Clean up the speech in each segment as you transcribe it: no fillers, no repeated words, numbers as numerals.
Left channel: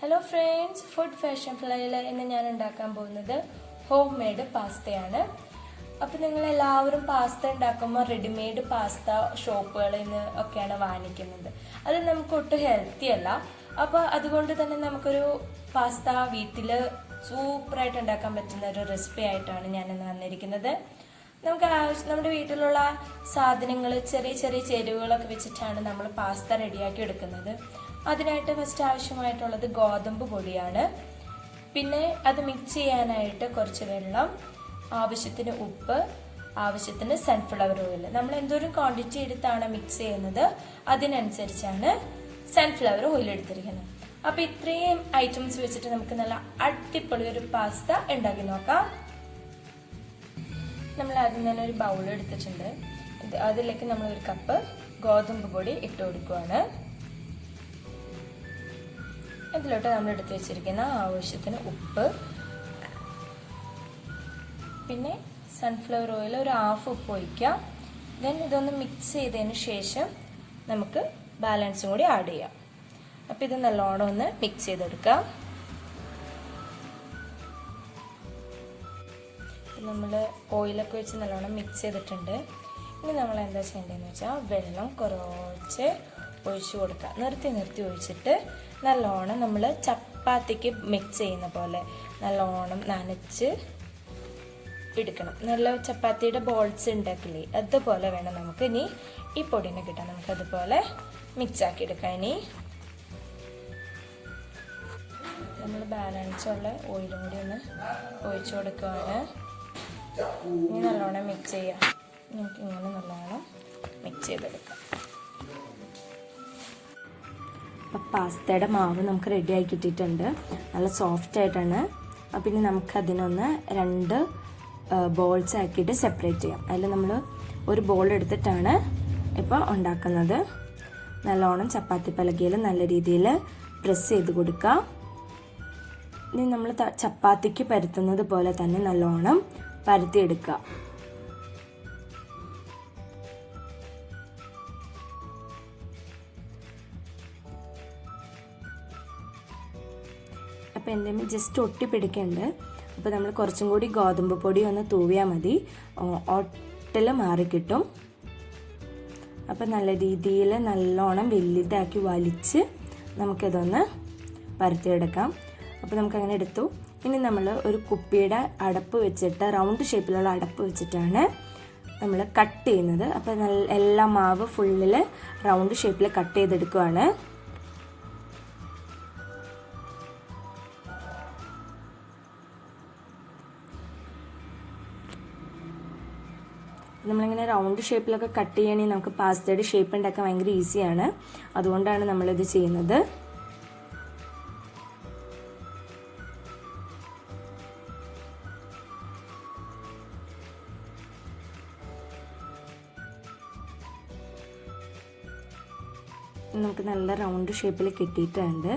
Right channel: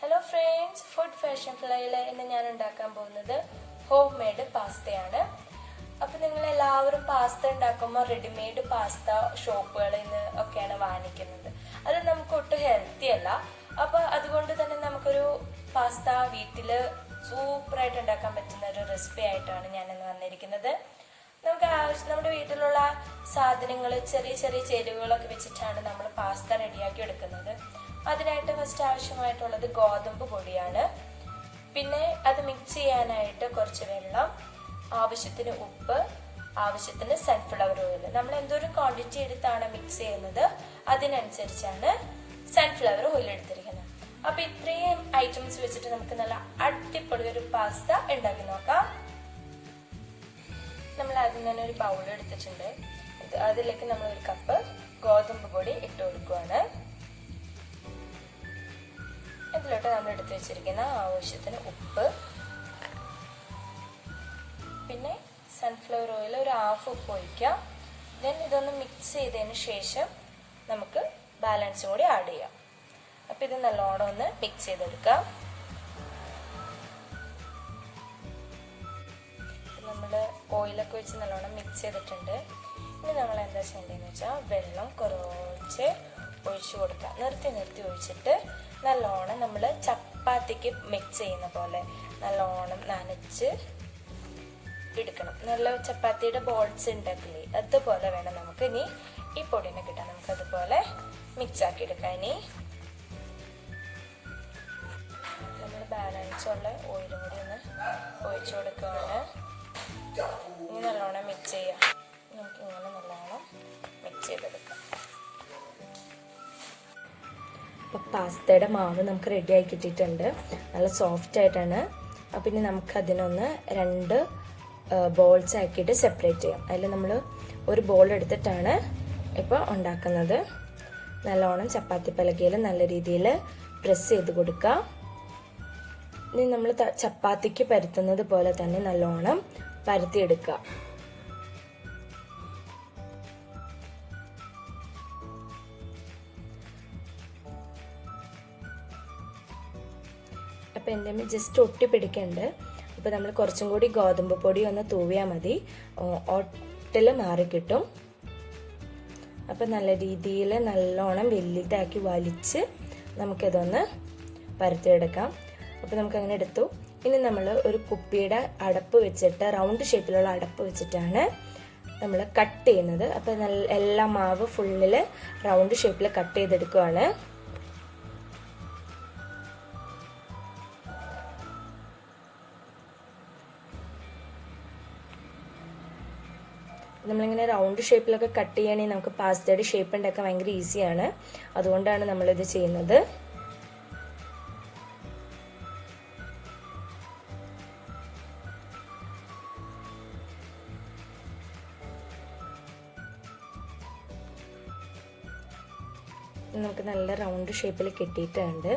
Hello friends, food fashion ഫ്ലൈയിൽ ഇന്ന് ഞാൻ ഉണ്ടാക്കാൻ പോകുന്നത് ഹോം മെയ്ഡ് പാസ്തയാണ്. അപ്പം നിങ്ങൾ എല്ലാവരും പാസ്ത ഉണ്ടാക്കുമ്പോൾ റെഡിമെയ്ഡ് പാസ്ത ഷോപ്പുകളിൽ നിന്ന് ഒക്കെയാണ് വാങ്ങിക്കുന്നത്. അത് നമുക്ക് ഒട്ടും ഹെൽത്തി അല്ല. അപ്പോൾ അതുകൊണ്ട് തന്നെ നമുക്കൊരു പാസ്ത വീട്ടിൽ സൂപ്പറായിട്ട് ഉണ്ടാക്കാൻ പറ്റുന്ന ഒരു റെസിപ്പി ആയിട്ടാണ് ഞാനിന്ന് വന്നിരിക്കുന്നത്. നമ്മുടെ വീട്ടിലുള്ള സാധനങ്ങൾ, ചെറിയ ചെറിയ ചേരുവകളൊക്കെ വെച്ചിട്ടാണ് നമ്മൾ പാസ്ത റെഡിയാക്കി എടുക്കുന്നത്. അതിനായിട്ട് ഫസ്റ്റ് ആവശ്യമായിട്ടുള്ളത് ഗോതമ്പ് പൊടിയാണ്. പിന്നെ അത് മിക്സ് ചെയ്യാനായിട്ട് കുറച്ച് വെള്ളം, ആവശ്യത്തിന് ഉപ്പ്, ആവശ്യത്തിന് സൺഫ്ലവർ ഓയിൽ. നമ്മൾ എന്തോരം ക്വാണ്ടിറ്റി എടുത്താണ് മിക്സ് ചെയ്യുന്നത് അതിനനുസരിച്ചാണ് സൺഫ്ലവർ ഓയിൽ എടുത്തിരിക്കുന്നത്. അപ്പൊ ഇത്രയും ഐറ്റംസ് വെച്ചിട്ട് നമുക്ക് നല്ല അടിപൊളി ഒരു പാസ്ത ഉണ്ടാക്കി നോക്കാം. നമ്മൾ ആദ്യം തന്നെ ഒരു ബൗൾ എടുത്തിട്ടുണ്ട്. അതിലേക്ക് നമ്മൾ ഒരു കപ്പ് ഗോതമ്പ് പൊടി ഇട്ട് കൊടുക്കുകയാണ്. ഇതിലോട്ട് നമ്മൾ എടുത്തു വെച്ചിരിക്കുന്ന ആവശ്യത്തിന് ഉപ്പ്, പിന്നെ സൺഫ്ലവർ ഓയിൽ ഒരു ഹാഫ് ഉപ്പ് ഒഴിക്കാം. ദെൻ ഇതൊന്ന് മിക്സ് ചെയ്തതിന് ശേഷം നമുക്ക് ബാലൻസും കൂടി ആഡ് ചെയ്യാം. അപ്പം ഇത് നല്ലോണം ഒന്ന് മിക്സ് ചെയ്തെടുക്കാം. നമ്മൾ ഓയിലൊക്കെ വെച്ച് നല്ലോണം മിക്സ് ചെയ്തിട്ടുണ്ട്. ഇനി നമ്മൾ എന്താ ചെയ്യേണ്ടതെന്ന് വെച്ചാൽ വെള്ളം കുറച്ച് ഒഴിച്ചു കൊടുക്കുക. നിർത്തി നിർത്തി ഒഴിച്ചിട്ട് നല്ലോണം നമ്മൾ ചപ്പാത്തിക്ക് മിക്സ് ചെയ്യുന്ന പോലെ നല്ലോണം നനച്ച് എടുക്കണം. നല്ല ചപ്പാത്തിയുടെ ബോൾസ് ഉണ്ടാക്കില്ലേ, അതുപോലെ വേണം നമുക്ക് ഇനി ഈ പൊടിനെ കിട്ടാൻ. നമുക്ക് അതുപോലെ മിക്സ് ആക്കി എടുക്കാം. ഇനി നമ്മൾ ബാലൻസുള്ള ഓയിലും കൂടി ഒന്ന് ഒഴിച്ചു കൊടുക്കുകയാണ്. ഇനി നല്ലോണം മിക്സ് ചെയ്യാം. നമുക്ക് ഇങ്ങനെ നല്ലോണം മിക്സ് ചെയ്തെടുക്കാം. അപ്പം പാസ്തയുടെ മാവ് നമുക്ക് റെഡി ആക്കി കിട്ടിയിട്ടുണ്ട്. നല്ല സോഫ്റ്റ് ആയിട്ടാണ്. അപ്പം ഇനി നമുക്ക് അതിനൊന്ന് 2 ബോൾസ് ആക്കിയിട്ട് സെപ്പറേറ്റ് ചെയ്യാം. അതിൽ നമ്മൾ ഒരു ബോൾ എടുത്തിട്ടാണ് ഇപ്പോൾ ഉണ്ടാക്കുന്നത്. നല്ലോണം ചപ്പാത്തി പലകയിൽ നല്ല രീതിയിൽ പ്രസ് ചെയ്ത് കൊടുക്കാം. ഇനി നമ്മൾ ചപ്പാത്തിക്ക് പരത്തുന്നത് പോലെ തന്നെ നല്ലോണം പരത്തിയെടുക്കുക. അപ്പം എൻ്റെ ജസ്റ്റ് ഒട്ടിപ്പിടിക്കുന്നുണ്ട്. അപ്പോൾ നമ്മൾ കുറച്ചും കൂടി ഗോതമ്പ് പൊടി ഒന്ന് തൂവിയാൽ മതി, ഒട്ടിൽ മാറിക്കിട്ടും. അപ്പം നല്ല രീതിയിൽ നല്ലോണം വലുതാക്കി വലിച്ച് നമുക്കിതൊന്ന് പരത്തിയെടുക്കാം. അപ്പോൾ നമുക്കങ്ങനെ എടുത്തു. ഇനി നമ്മൾ ഒരു കുപ്പിയുടെ അടപ്പ് വെച്ചിട്ട്, റൗണ്ട് ഷേപ്പിലുള്ള അടപ്പ് വെച്ചിട്ടാണ് നമ്മൾ കട്ട് ചെയ്യുന്നത്. അപ്പോൾ എല്ലാ മാവ് ഫുള്ളിൽ റൗണ്ട് ഷേപ്പിൽ കട്ട് ചെയ്തെടുക്കുകയാണ്. നമ്മളിങ്ങനെ റൗണ്ട് ഷേപ്പിലൊക്കെ കട്ട് ചെയ്യണമെങ്കിൽ നമുക്ക് പാസ്തയുടെ ഷേപ്പ് ഉണ്ടാക്കാൻ ഭയങ്കര ഈസിയാണ്. അതുകൊണ്ടാണ് നമ്മളിത് ചെയ്യുന്നത്. നമുക്ക് നല്ല റൗണ്ട് ഷേപ്പിൽ കിട്ടിയിട്ടുണ്ട്.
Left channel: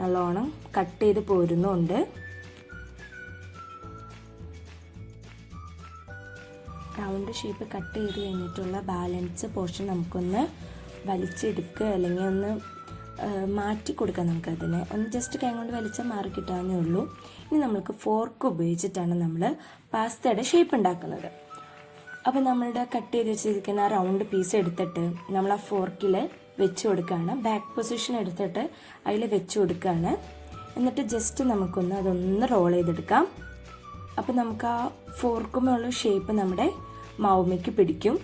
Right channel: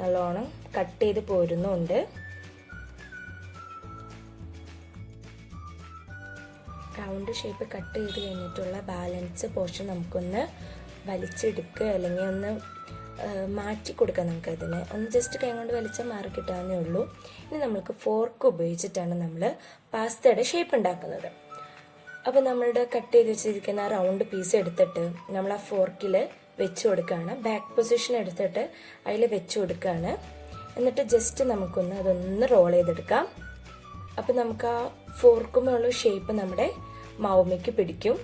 നല്ലോണം കട്ട് ചെയ്ത് പോരുന്നുണ്ട്. റൗണ്ട് ഷേപ്പ് കട്ട് ചെയ്ത് കഴിഞ്ഞിട്ടുള്ള ബാലൻസ് പോർഷൻ നമുക്കൊന്ന് വലിച്ചെടുക്കുക, അല്ലെങ്കിൽ ഒന്ന് മാറ്റി കൊടുക്കാം. നമുക്കതിനെ ഒന്ന് ജസ്റ്റ് കൈ കൊണ്ട് വലിച്ചാൽ മാറി കിട്ടാവുന്നേ ഉള്ളൂ. ഇനി നമ്മൾക്ക് ഫോർക്ക് ഉപയോഗിച്ചിട്ടാണ് നമ്മൾ പാസ്തയുടെ ഷേപ്പ് ഉണ്ടാക്കുന്നത്. അപ്പോൾ നമ്മളുടെ കട്ട് ചെയ്ത് വെച്ചിരിക്കുന്ന ആ റൗണ്ട് പീസ് എടുത്തിട്ട് നമ്മൾ ആ ഫോർക്കിൽ വെച്ച് കൊടുക്കുകയാണ്. ബാക്ക് പൊസിഷൻ എടുത്തിട്ട് അതിൽ വെച്ച് കൊടുക്കുകയാണ്. എന്നിട്ട് ജസ്റ്റ് നമുക്കൊന്ന് അതൊന്ന് റോൾ ചെയ്തെടുക്കാം. അപ്പം നമുക്ക് ആ ഫോർക്കുമുള്ള ഷേപ്പ് നമ്മുടെ മാവുമ്മയ്ക്ക് പിടിക്കും.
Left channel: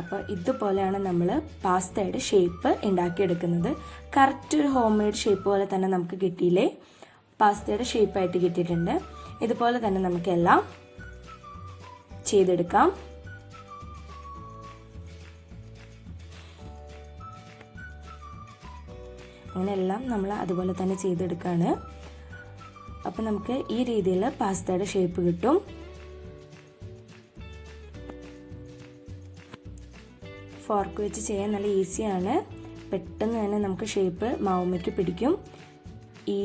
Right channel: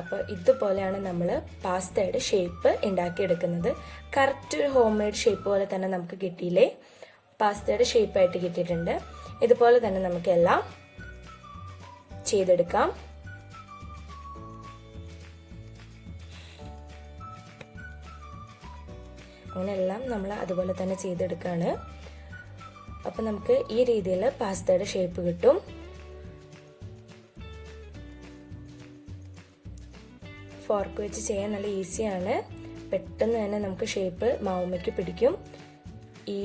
അപ്പോൾ ഇതുപോലെയാണ് നമ്മൾ പാസ്തയുടെ ഷേപ്പ് ഉണ്ടാക്കിയെടുക്കുന്നത്. കറക്റ്റ് ഒരു ഹോം മെയ്ഡ് ഷേപ്പ് പോലെ തന്നെ നമുക്ക് കിട്ടിയില്ലേ, പാസ്തയുടെ ഷേപ്പായിട്ട് കിട്ടിയിട്ടുണ്ട്. ഇതുപോലെ തന്നെ നമുക്കെല്ലാം ചെയ്തെടുക്കാം. അങ്ങനെയെല്ലാം നമ്മൾ അതുപോലെ തന്നെ ചെയ്തെടുക്കുകയാണ്. അപ്പം നമുക്ക് ഈ രീതിയിൽ പാസ്തയുടെ ഷേപ്പ് കിട്ടും. ഫോർക്ക് വെച്ച് ചെയ്യാൻ നല്ല ഈസിയാണ്. പെട്ടെന്ന് തന്നെ നമുക്ക് ഷേപ്പ് മാവുമ്മയ്ക്ക് പിടിക്കും. ഈ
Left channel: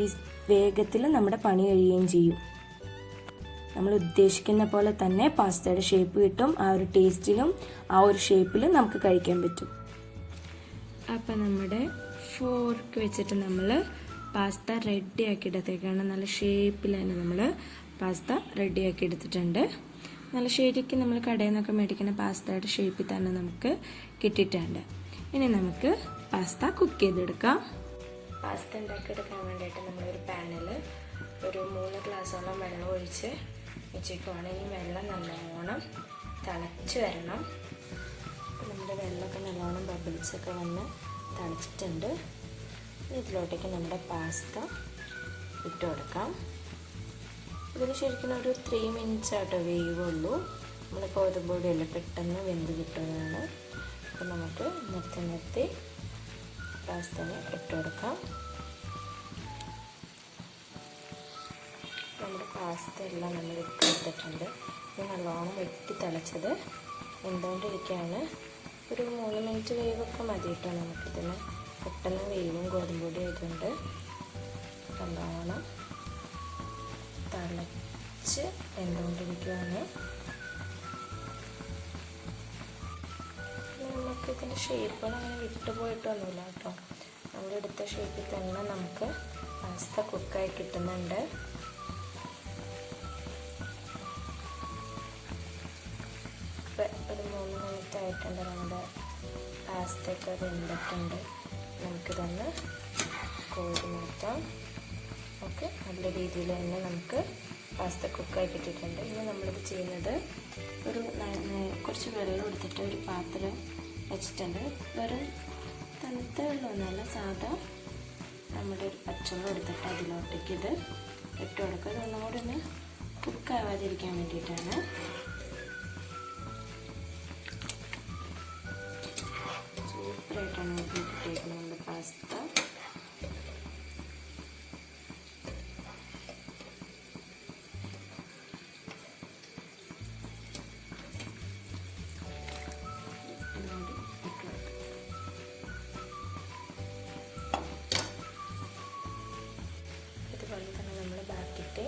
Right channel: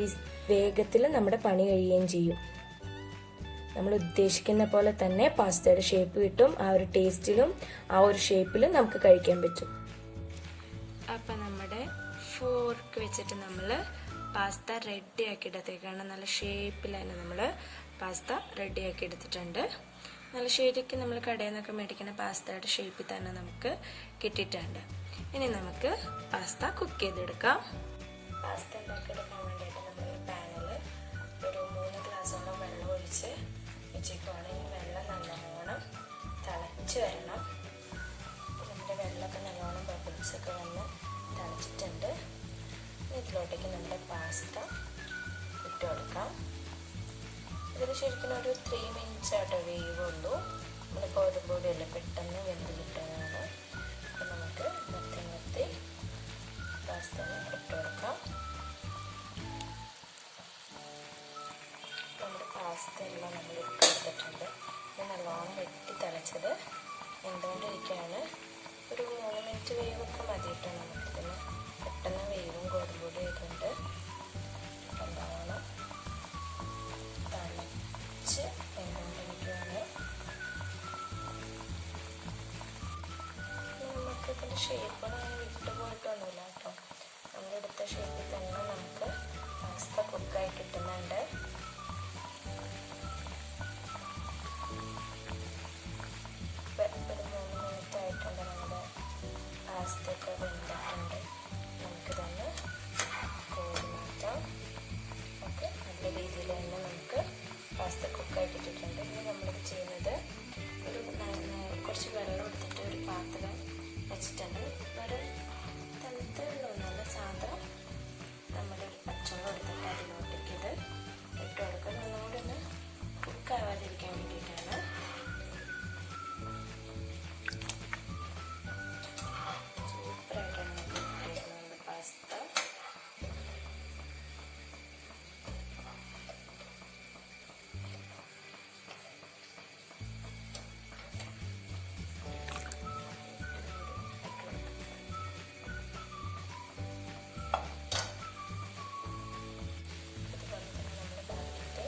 വേഗത്തിൽ നമ്മുടെ പണി കഴിയുകയും ചെയ്യും. നമ്മൾ ഉദ്ദേശിക്കുന്ന പോലെ തന്നെ പാസ്തയുടെ ഷേപ്പ് കിട്ടും. ആ ഒരു ടേസ്റ്റിലും ആ ഒരു ഷേപ്പിലും നമുക്ക് കഴിക്കാൻ പറ്റും. അപ്പം നമ്മുടെ ഫോർക്ക് വെച്ചിട്ട് നമ്മൾ പാസ്ത റെഡിയാക്കി എടുത്തേക്കാണ്. നല്ല ഷേപ്പിൽ തന്നെ നമ്മൾ പാസ്ത റെഡിയാക്കി എടുത്തിട്ടുണ്ട്. നല്ല ശരിക്കും നമ്മൾ കടയിൽ നിന്നൊക്കെ മേടിക്കുന്ന പാസ്തയുടെ ഷേപ്പിൽ തന്നെ നമുക്ക് കിട്ടിയിട്ടുണ്ട്. ഇനി നമുക്ക് പാസ്ത കുക്ക് ചെയ്തെടുക്കാം. പാസ്ത ഉണ്ടാക്കിയെടുക്കാൻ വേണ്ടിയിട്ട് നമ്മളൊരു പാനിൽ ഒരു 3 ഗ്ലാസോളം വെള്ളം ഒഴിച്ച് വെച്ചേക്കുവാണ്. ഈ വെള്ളം നല്ലോണം തിളച്ച് വരണം. നമ്മുടെ വെള്ളമൊക്കെ നല്ലോണം ബബിൾസൊക്കെ വന്ന് തിളച്ചിട്ടുണ്ട്. ഇതിലോട്ടേക്ക് നമ്മുടെ പാസ്ത ഇട്ട് കൊടുക്കാം. ഇതിന് ശരിക്കും ഒരു 3 മിനിറ്റ്സ് ആയിട്ട് വേവുള്ളൂ. നമ്മൾ ഗോതമ്പൊടിയെല്ലാം പെട്ടെന്ന് വെന്ത് കിട്ടുന്നതാണ്. അപ്പോൾ നമുക്ക് നിർത്തി പാസ്തനെ ഇട്ട് കൊടുക്കാം. നമ്മുടെ പാസ്ത എല്ലാം നമ്മൾ ഇട്ട് കൊടുത്തിട്ടുണ്ട്. ഇത് നല്ലോണം വെട്ടി തിളച്ചത് എന്തുകൊണ്ടിരിക്കുകയാണ്. ഒരു 3 മിനിറ്റ് വേവൊക്കെ മതി കേട്ടോ. നമുക്കിതിന് പെട്ടെന്ന് വേവും ഗോതമ്പൊടി ആയതുകൊണ്ട് നല്ലോണം തിളച്ച് വെന്തുകൊണ്ടിരിക്കുകയാണ്. നമുക്കിതിൻ്റെ ഷേപ്പുകൾ അങ്ങനെ വിട്ടുപോയിട്ടൊന്നുമില്ല കേട്ടോ. നമ്മളെടുത്ത ഷേപ്പിൽ തന്നെ നമുക്ക് പാസ്ത കുക്കായി കിട്ടുന്നുണ്ട്. ഒരു 3 മിനിറ്റ് ആയിട്ടുണ്ട്. നമ്മുടെ പാസ്തയൊക്കെ വെന്തിട്ടുണ്ട്. നമുക്കിതൊന്ന് കോരി മാറ്റാം. ഓക്കെ, നല്ല രീതിയിൽ തന്നെ നമുക്ക് പാസ്ത കുക്കായി കിട്ടിയിട്ടുണ്ട്. ഇനി നമ്മളിത് ചെയ്യുന്നത് ഒരു കുറച്ച് വെള്ളം എടുത്തിട്ട് ഒരു പാത്രം വെച്ചിട്ടുണ്ട്. വെറും തണുത്ത വെള്ളമൊന്നുമല്ല, സാധാ നമ്മുടെ ഒരു പച്ചവെള്ളം എടുത്തിട്ട് അതിലോട്ടേക്ക് ഇത് ഇട്ട് കൊടുക്കുക. ഇതൊന്നും കൂടെ ഒന്ന് കുക്കാവാതിരിക്കാൻ വേണ്ടിയിട്ടാണ്. സൂപ്പറായിട്ട് നമുക്ക് കിട്ടിയിട്ടുണ്ട് പാസ്ത. ഇതുപോലെ തന്നെ നമ്മൾ ബാക്കിയിട്ട്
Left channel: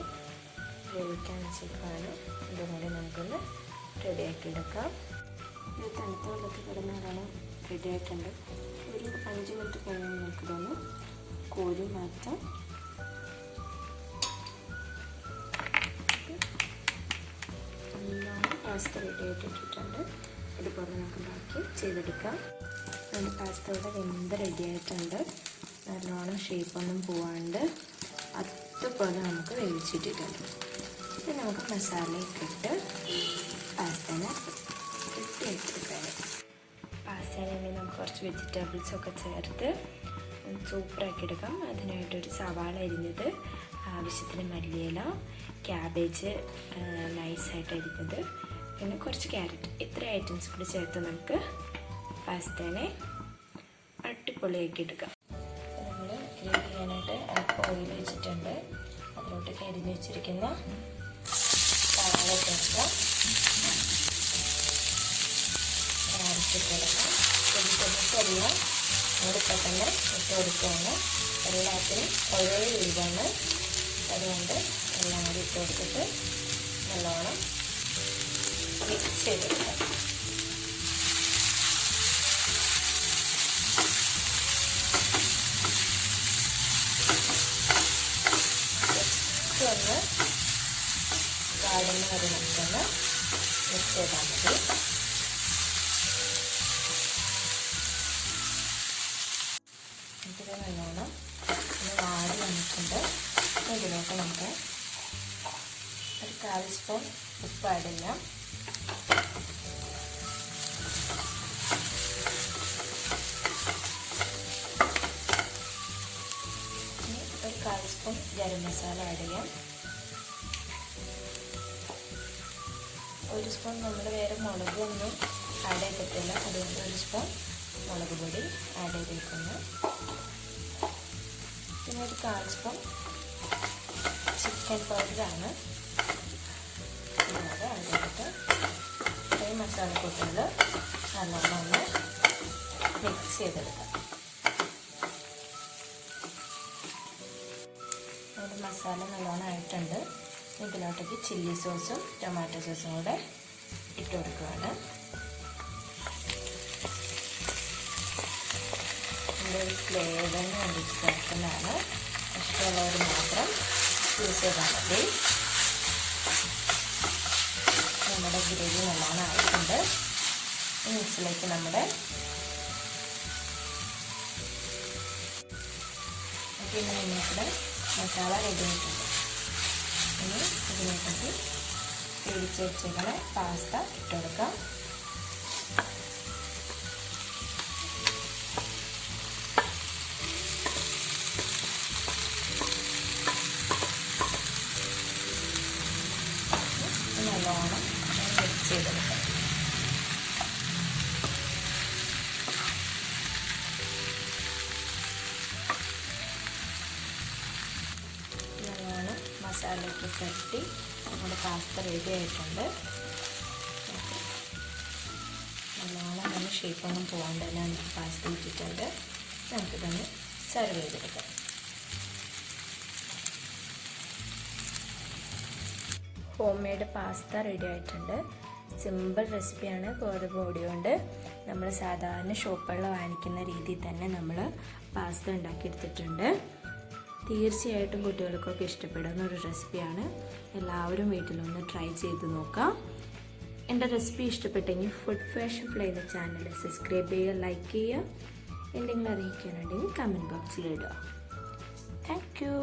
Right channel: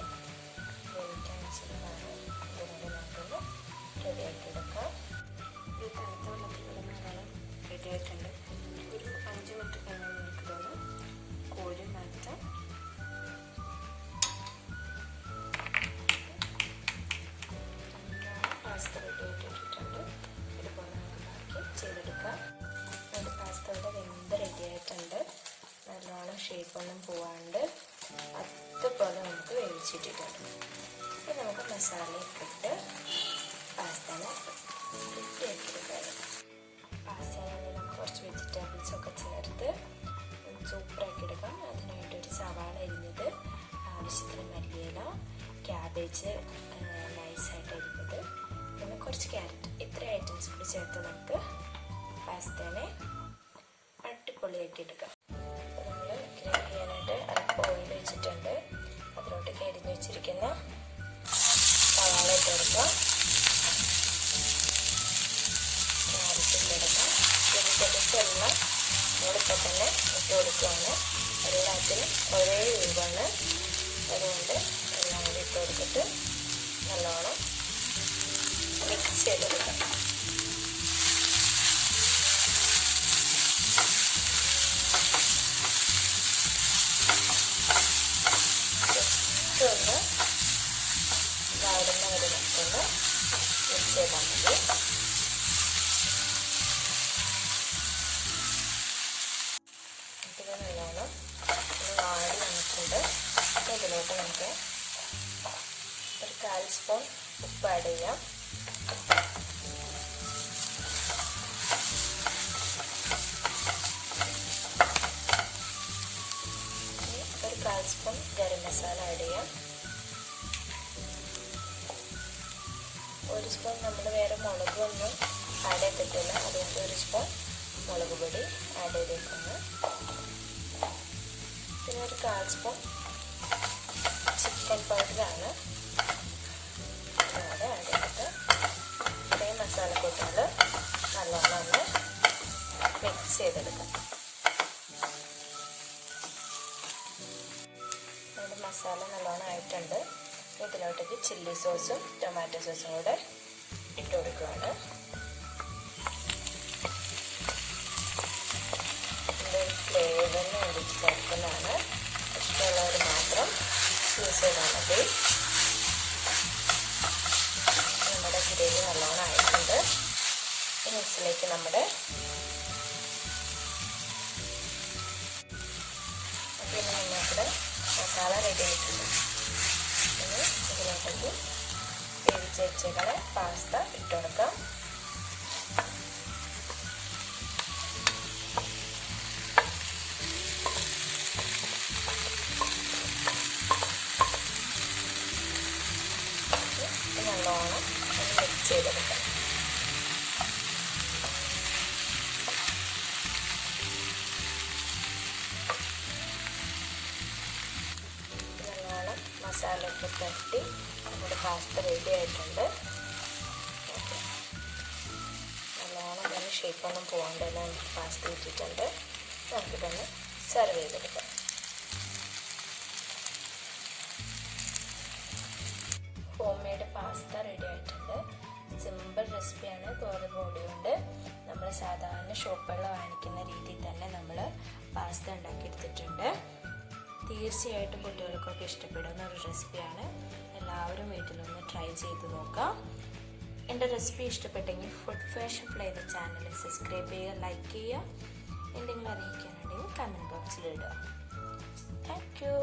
വേവിക്കാൻ വെച്ചിട്ടാണ്. ഇതുപോലെ നമുക്കൊന്ന് റെഡിയാക്കി എടുക്കാം. ഇത് തണുത്ത വെള്ളത്തിൽ കിടന്നാണ് റെഡിയായിട്ടുണ്ട്. ഒരു 5 മിനിറ്റ് കഴിഞ്ഞാൽ നമുക്കിതൊന്ന് കോരി മാറ്റാം. നല്ലോണം പാസ്ത റെഡിയായിട്ട് ഇട്ടിട്ടുണ്ട്. ഇതുപോലെ നമുക്ക് ബാക്കി ചെയ്തെടുക്കാം. നമ്മുടെ പാസ്ത ഇവിടെ വെന്ത് റെഡിയായിട്ടുണ്ട്. നല്ലോണം ഷേപ്പൊന്നും പോവാണ്ട് അതുപോലെ നമുക്ക് വേവിച്ചിട്ടിട്ടുണ്ട്. ഇത് നമുക്ക് മസാലയൊക്കെ ഇട്ട് പാസ്തനെ റെഡിയാക്കിയെടുക്കാം. പാസ്തയിൽ നമുക്ക് കുറച്ച് വെജിറ്റബിൾസൊക്കെ ചേർത്ത് സൂപ്പറാക്കി എടുക്കാം. അതിനായിട്ടൊരു സവാള അരിഞ്ഞത്, ആവശ്യത്തിന് മല്ലിയില, ക്യാബേജ് നൈസായിട്ട് അരിഞ്ഞത്, പിന്നെ കുറച്ച് ക്യാരറ്റ്, ഇത്ര ഐറ്റംസ് കൂടി ചേർത്ത് നമുക്ക് പാസ്തേനെ അടിപൊളിയാക്കി എടുക്കാം. നമ്മൾ ഗ്രിൽ ചെയ്യാനായിട്ട് അല്പം ഓയിൽ വെച്ചിട്ടുണ്ട്. അതിലോട്ട് അരിഞ്ഞ് വെച്ചിരിക്കുന്ന സവാള ഇട്ട് കൊടുക്കാം. ക്യാരറ്റ് ഇട്ട് കൊടുക്കാം. വെജിറ്റബിൾസ് എല്ലാം നമ്മളിപ്പോൾ തന്നെ ഇട്ട് കൊടുക്കുകയാണ്. എല്ലാത്തിനും ഒരേ ഇതാണ്. അതുകൊണ്ട് എല്ലാം കൂടി ഇട്ട് കൊടുത്തിട്ട് നല്ലോണം മിക്സ് ചെയ്തെടുക്കാം. ഒന്ന് വാടുന്ന വരെ നമുക്കൊന്ന് മിക്സ് ചെയ്താൽ മതി. ഇത് നല്ലോണം ഒന്ന് വാടി വന്നിട്ടുണ്ട്. ഇതിലോട്ട് നമുക്ക് ഒരു 1/4 സ്പൂൺ ഉപ്പ് ആഡ് ചെയ്യാം. ഒരു 1/4 സ്പൂൺ ഗരം മസാല ആഡ് ചെയ്യാം. 1 സ്പൂൺ നമ്മൾ വേറെ മുളകൊന്നും ആഡ് ചെയ്തിട്ടില്ല. അതുകൊണ്ട് 1 സ്പൂൺ മുളക് പൊടി ആഡ് ചെയ്തേക്കുന്നു. പിന്നെ ഒരു 1/4 സ്പൂൺ ചിക്കൻ പൗഡറാണ് ഇതുപോലെ ആഡ് ചെയ്തിട്ട് ഇത്രയും മസാലക്കൂട്ടുകൾ നല്ലോണം ഒന്ന് മിക്സ് ചെയ്തെടുക്കാം. നമ്മുടെ മസാല നല്ലോണം ആയിട്ടുണ്ട്. ഇതിലോട്ടേക്ക് ചില്ലി സോസും ടൊമാറ്റോ സോസും കൂടെ ഇട്ട് കൊടുക്കുകയാണ്. ഫ്ലേവറിന് വേണ്ടിയിട്ട് ചേർക്കുന്നതാണ്. ഇഷ്ടമുള്ളവർ മാത്രം യൂസ് ചെയ്താൽ മതി. നമ്മുടെ ഗ്രേവി നല്ലോണം ആയിട്ടുണ്ട്. ഈ മിക്സിലേക്ക് നമ്മുടെ ഇതിനകത്ത് മസാല റെഡി ആയിട്ടുണ്ട്. ഇനി ഇതിനകത്തേക്ക് വേവിച്ച് വെച്ചേക്കുന്ന പാസ്ത ഇട്ടുകൊടുക്കാം. നല്ലോണം മിക്സ് ചെയ്തെടുക്കാം. നല്ലോണം മസാലയൊക്കെ തട്ടി നമ്മുടെ പാസ്ത റെഡി ആയിട്ടുണ്ട്. നല്ലോണം തന്നെ ഷേപ്പൊന്നും പോകാണ്ട് തന്നെ നമുക്ക് പാസ്ത ഇട്ടിട്ടുണ്ട്. നമുക്കിതൊന്ന് സെർവ് ചെയ്തെടുക്കാം. ഹോം മെയ്ഡ് പാസ്ത റെഡി ആയിട്ടുണ്ട്. സിമ്പിൾ റെസിപ്പിയാണ്. ഗോതമ്പ് പൊടി കൊണ്ട് നമ്മൾ സാധാരണ ഷോപ്പുകളിൽ വാങ്ങിക്കുന്ന രീതിയിൽ തന്നെ നമ്മൾ പാസ്ത ഉണ്ടാക്കിയെടുത്തിട്ടുണ്ട്. തീർച്ചയായിട്ടും കുട്ടികൾക്കൊക്കെ ഇഷ്ടപ്പെടുന്ന ഒരു റെസിപ്പിയാണ്. എല്ലാവരും വീട്ടിലൊന്ന് ട്രൈ ചെയ്ത് നോക്കാം. എൻ്റെ റെസിപ്പി ഇഷ്ടപ്പെട്ടെങ്കിൽ ഫുഡ് ഫാഷൻ ഫ്ലൈയിലെ ചാനൽ സബ്സ്ക്രൈബ് ചെയ്യുക, ലൈക്ക് ചെയ്യുക. എന്തെങ്കിലും അറിയിക്കാനുണ്ടെങ്കിൽ കമൻറ്റ് ബോക്സിൽ ഇടുക. Thank you.